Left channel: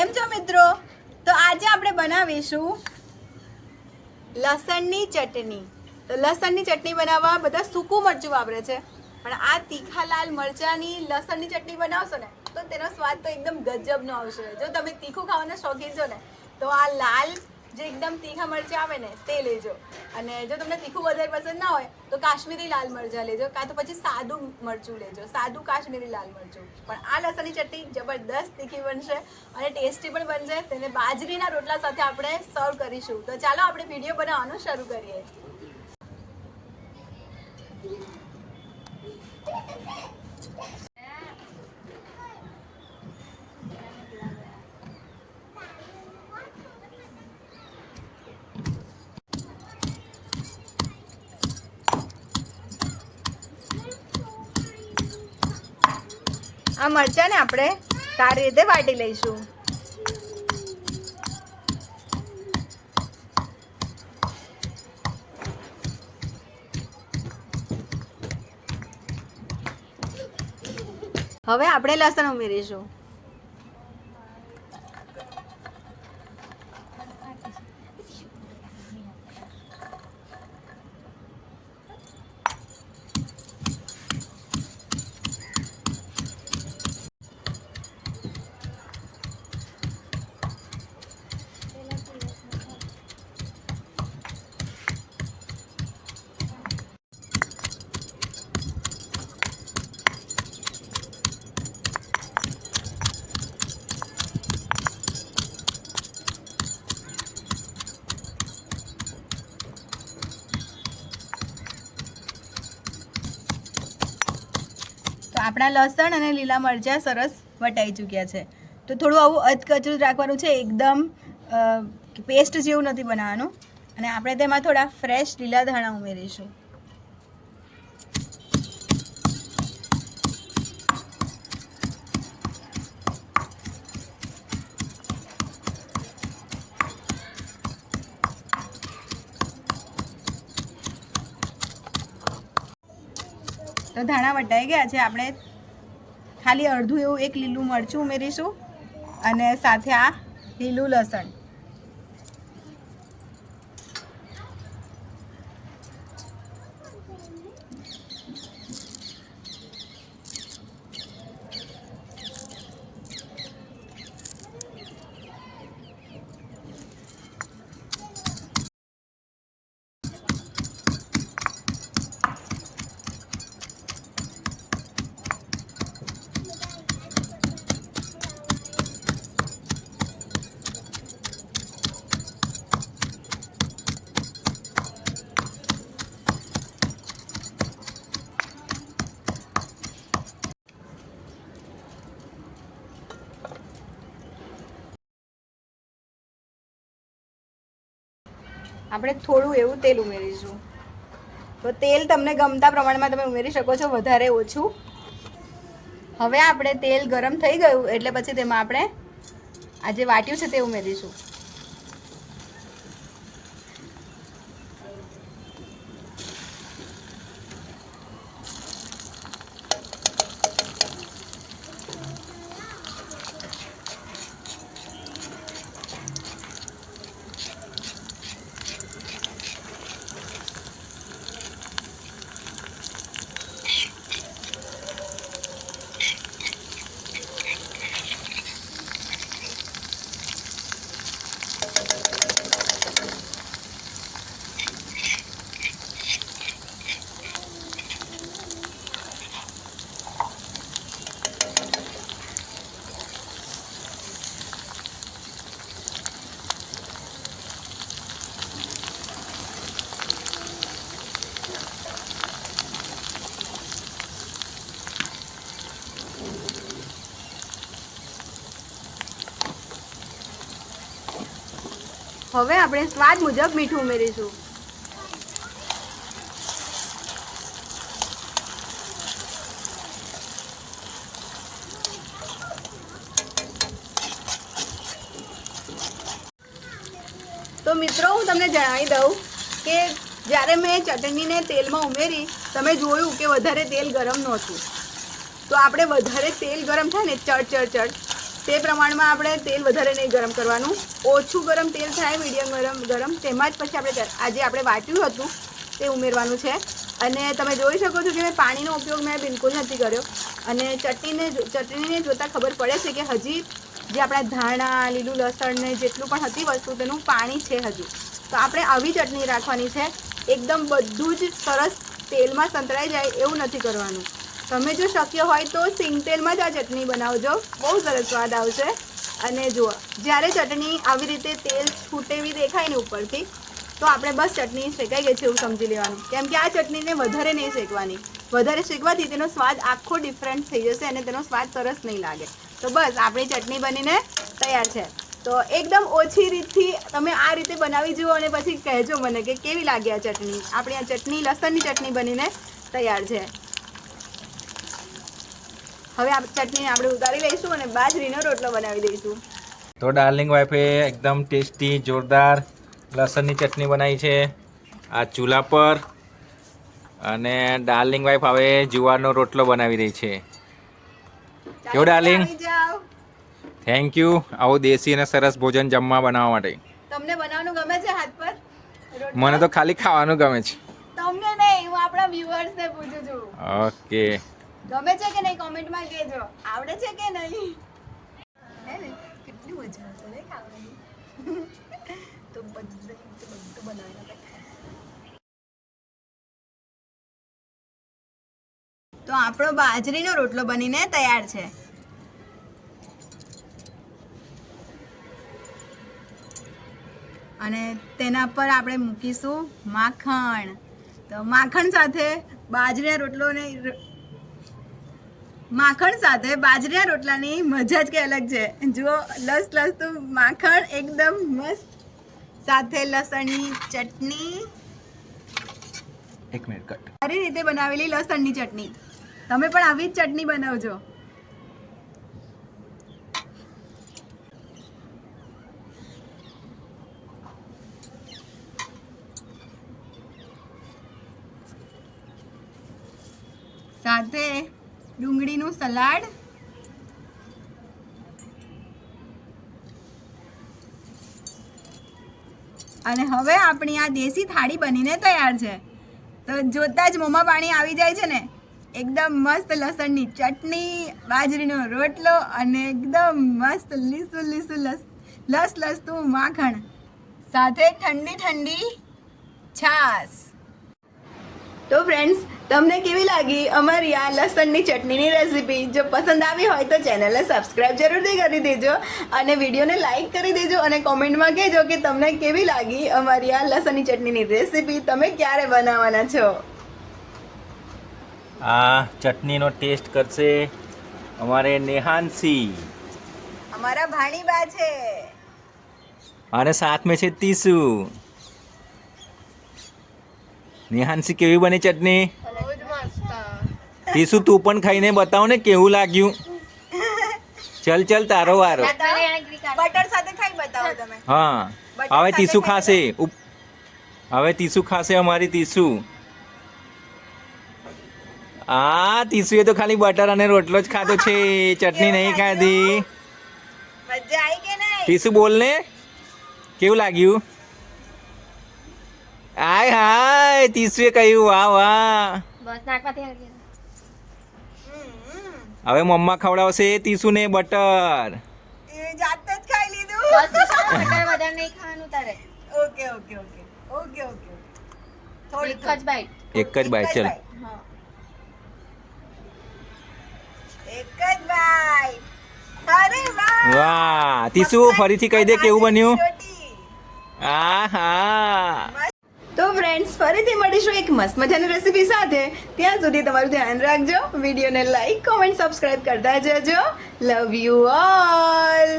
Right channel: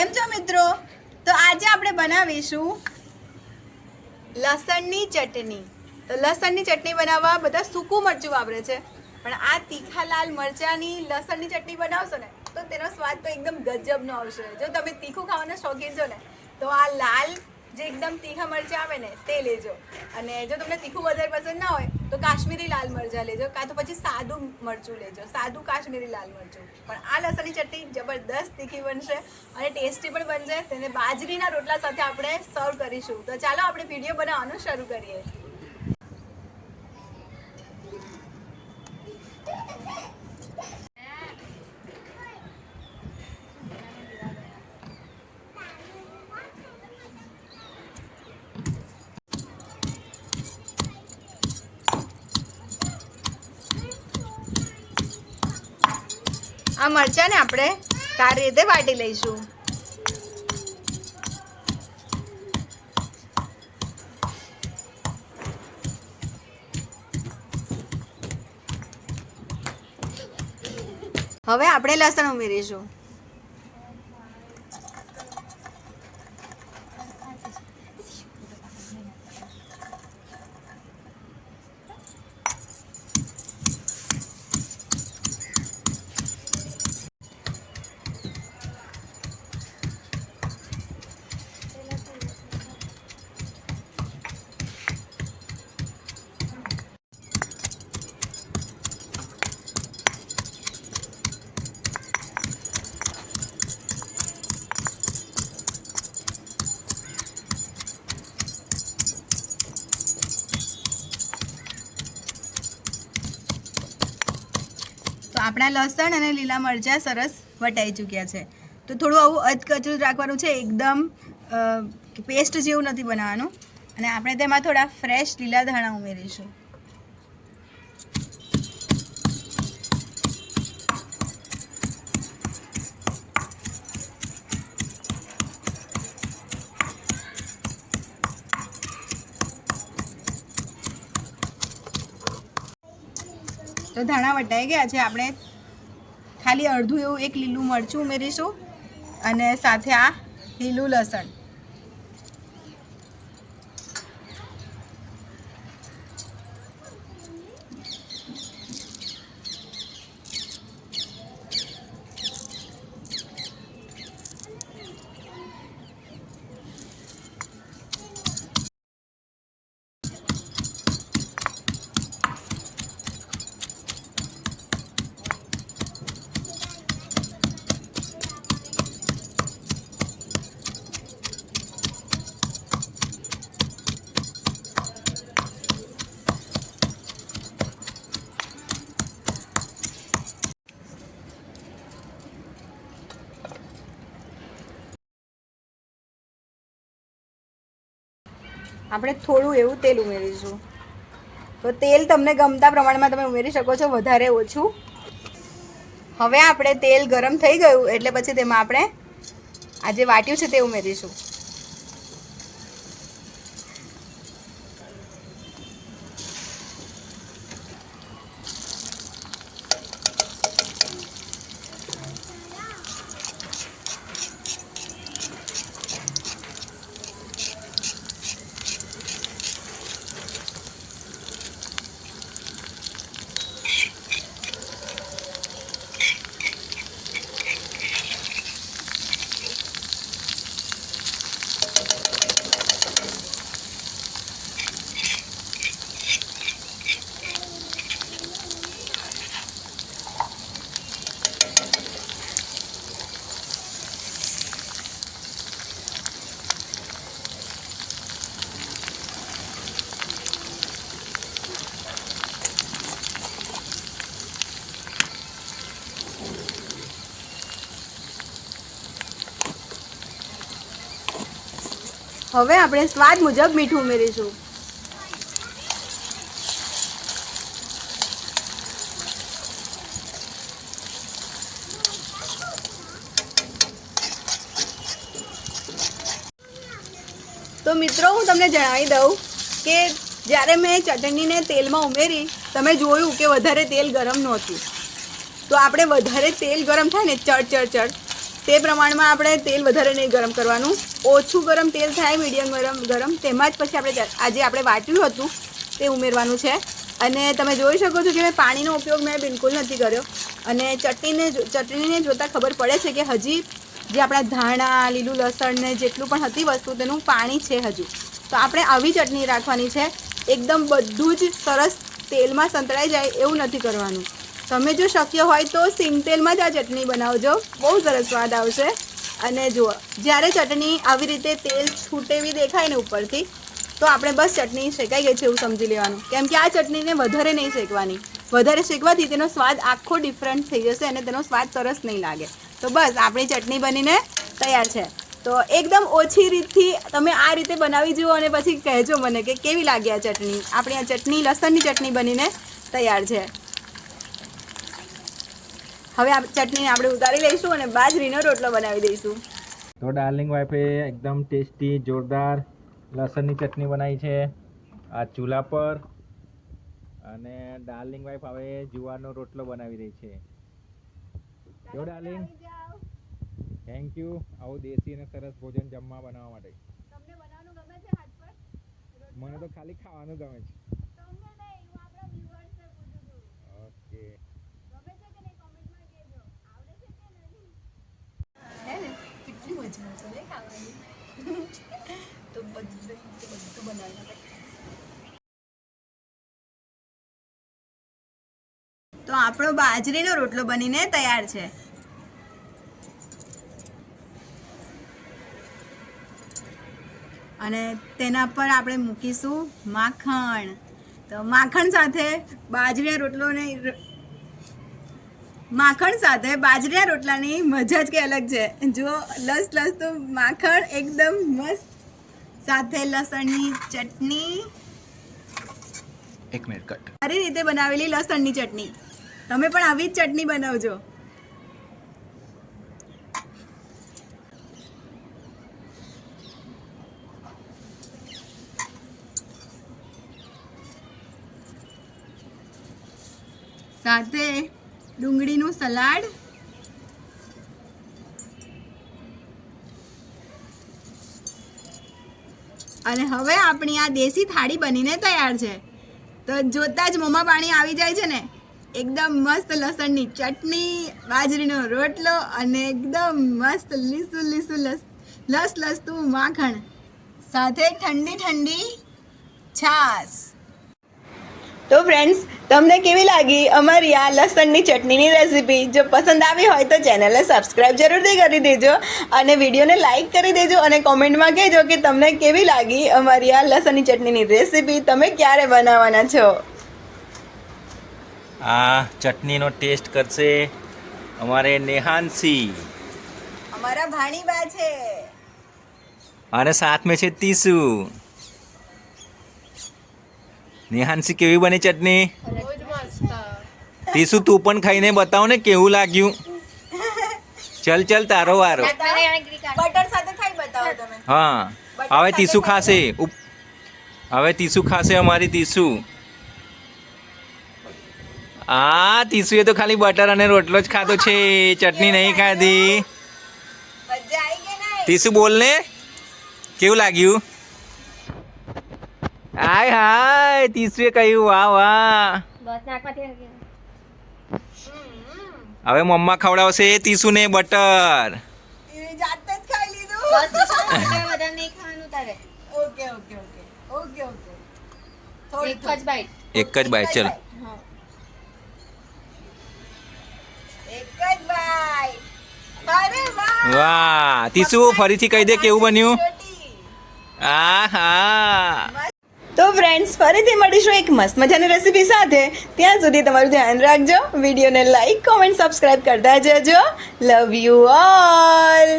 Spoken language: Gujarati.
કેમ છો મિત્રો? તો આજે આપણે બનાવીશું લસણની ચટણી. તો લસણની ચટણી બનાવવા બધા સૂકું મરચું વાપરે છે. પણ આ તીખા લાલ મરચાની લસણની ચટણી બનાવશો ને, તો તેનો સ્વાદ તો એકદમ ગજબનો આવશે. જો તમે તીખું ખાવાના શોખીન છો ને, તો આ લાલ જે એકદમ તીખા મરચાં આવે ને, તે લેજો. અને જો તમને તીખું વધારે પસંદ ના હોય, તો કાશ્મીરી લાલ મરચાં લેજો, કાં તો પછી સાદું મરચું લેજો. સાદું કાશ્મીરી લાલ મરચું. પણ આ લસણની ચટણી જબરદસ્ત તીખી બનશે અને ટેસ્ટી પણ બનશે. તેને બાજરીના રોટલા સાથે આપણે સર્વ કરીશું. તો ચાલો આપણે વીડિયો બનાવવાનું શરૂ કરીએ. આ મરચાંને આપણે સારી રીતે વાટી લઈશું. હવે આપણે લસણ ઉમેરીશું. આપણા લસણ અને લીલા મરચાં સરસ વટાઈ ચૂક્યા છે. તો થોડું આવું અધકચરું રાખવાનું છે, એકદમ પેસ્ટ જેવું નથી બનાવવાનું. અને આપણે તેમાં થોડા ફ્રેશ લીલા ધાણા ઉમેરીશું. તો ધાણા વટાઈ ગયા છે. આપણે ખાલી અડધું એવું એક લીલું મરચું ઉમેરીશું અને સાથે આ લીલું લસણ. આપણે થોડું એવું તેલ ઉમેરીશું. તો તેલ તમને ગમતા પ્રમાણમાં તમે ઉમેરી શકો છો, વધારે ઓછું. હવે આપણે તેલ ગરમ થઈ ગયું, એટલે પછી તેમાં આપણે આ જે વાટ્યું છે તે ઉમેરીશું. હવે આપણે સ્વાદ મુજબ મીઠું ઉમેરીશું. તો મિત્રો, હું તમને જણાવી દઉં કે જ્યારે મેં ચટણીને તેલમાં ઉમેરી, તમે જોયું કે વધારે તેલ ગરમ નહોતું. તો આપણે વધારે તેલ ગરમ થાય ને ચડ ચડ ચડ. તે પ્રમાણમાં આપણે તેલ વધારે નહીં ગરમ કરવાનું. ઓછું ગરમ તેલ થાય, મીડિયમ ગરમ ગરમ, તેમાં જ પછી આપણે આજે આપણે વાટ્યું હતું, તે ઉમેરવાનું છે. અને તમે જોઈ શકો છો કે મેં પાણીનો ઉપયોગ મેં બિલકુલ નથી કર્યો. અને ચટણીને ચટણીને જોતાં ખબર પડે છે કે હજી જે આપણા ધાણા, લીલું લસણ ને જેટલું પણ હતી વસ્તુ, તેનું પાણી છે હજુ. તો આપણે આવી ચટણી રાખવાની છે. એકદમ બધું જ સરસ તેલમાં સંતળાઈ જાય એવું નથી કરવાનું. તમે જો શક્ય હોય તો સિંગતેલમાં જ આ ચટણી બનાવજો. બહુ સરસ સ્વાદ આવશે. અને જુઓ, જ્યારે ચટણી આવી રીતે તેલ છૂટેવી દેખાય ને ઉપરથી, તો આપણે બસ ચટણી શેકાઈ ગઈ છે એવું સમજી લેવાનું. કેમ કે આ ચટણીને વધારે નહીં શેકવાની. વધારે શેકવાથી તેનો સ્વાદ આખો ડિફરન્ટ થઈ જશે અને તેનો સ્વાદ સરસ નહીં લાગે. તો બસ, આપણી ચટણી બનીને તૈયાર છે. તો એકદમ ઓછી રીતથી તમે આ રીતે બનાવી જુઓ અને પછી કહેજો મને કે કેવી લાગી આ ચટણી. આપણી આ ચટણી, લસણની ચટણી બનીને તૈયાર છે. હવે આ ચટણી આપણે ઉતારી લઈશું અને બાજરીનો રોટલો બનાવી દઈશું. તો ડાર્લિંગ વાઈફે એકદમ ટેસ્ટી જોરદાર લસણની ચટણી બનાવી છે. આ ચૂલા પર. અને ડાર્લિંગ વાઈફ હવે જુવારનો રોટલો બનાવી રહી છે. કેવું ડાર્લિંગ? થેન્ક યુ આવું દેશી અને સરસ ભોજન જમવા બનાવવા માટે. તમને બનાવવાનું ગમે છે હાથ પર? મને તો ખાલી ખાવાનું ગમે છે. તમને નહીં હું આપણા વ્યુઅર્સને પૂછું છું. ઓકે ગમે છે કે નહીં કોમેન્ટમાં કહેજો. આવડે છે કે નહીં? હે ને? કેટલી મજા આવશે ને ખાવાની? તો બધું બધું બનાવીને આપણે તો આપણો બાજરીનો રોટલો બનીને તૈયાર છે. અને તેના પર આપણે મૂકીશું માખણ. તો માખણ સાથે બાજરીના રોટલોને માખણ સાથે બાજરીના રોટલાની મજા જ કઈ અલગ છે. જો લસ લસ તો માખણ એકદમ મસ્ત. સાથે લસણની ચટણી. એક મિનિટ કટ સારી રીતે બનાવેલી લસણની ચટણી. તમે પણ આવી જ ચટણી બનાવજો સાથે ડુંગળીનું સલાડ. અને હવે આપણી આ દેશી થાળી બનીને તૈયાર છે. તો જોતાં જ મોંમાં પાણી આવી જાય છે ને. એકદમ મસ્ત લસણની ચટણી, બાજરીનો રોટલો અને એકદમ મસ્ત લીસું લીસું લસ લસ લસતું માખણ. સાથે ઠંડી ઠંડી છાશ. તો ફ્રેન્ડ્સ તમને કેવી લાગી અમારી આ લસણની ચટણીની રેસીપી જો પસંદ આવી હોય તો ચેનલને સબસ્ક્રાઇબ જરૂરથી કરી દેજો અને વિડીયોને લાઈક કરી દેજો અને કોમેન્ટમાં કહેજો કે તમને કેવી લાગી અમારી આ લસણની ચટણીની રેસીપી તમે ક્યારે બનાવવાના છો? આ ચટણીનો ટેસ્ટ કરશે અમારે નેહાનસી અમારા ભાણીબા છે. અને સાથ મેં છે તીસુ નેહાનસી કેવી બની ચટણી? તીસુ તું પણ ખાઈને બતાવો ને કેવું લાગ્યું? ચલ ચલ તારો વારો. બટર સાથે ખાઈ બતાવો તમે. હા. હવે તીસુ ખાશે. હવે તીસુ ખાશે અમારી તીસુ આ તીસુએ તો ખાલી બટર અને રોટલો જ ખાધો છે. ચટણી નહીં ખાધી. તીસુ બોલ ને. કેવું લાગ્યું? હાય હાય તીસુએ કહ્યું વાહ વાહ બસ હવે મમ્મા ખવડાવશે બટર એ જાતે જ ખાઈ લીધું બસ તો શું, વધારે વધારે નહીં ખાવાનું તારે okay okay okay okay okay થોડી એક જ બાઈટ એક જ બાઈટ ચલો એક જ બાઈટ અરે વાહ વાહ તીસુ ફરીથી કહી દે કેવું બન્યું આ આહા તો ફ્રેન્ડ્સ ફરીથી મળીશું એક મસ્ત મજાની રેસીપી સાથે. ત્યાં સુધી તમારું ધ્યાન રાખજો, વિડીયોને લાઈક કોમેન્ટ સબસ્ક્રાઈબ કરતા જજો. Love you all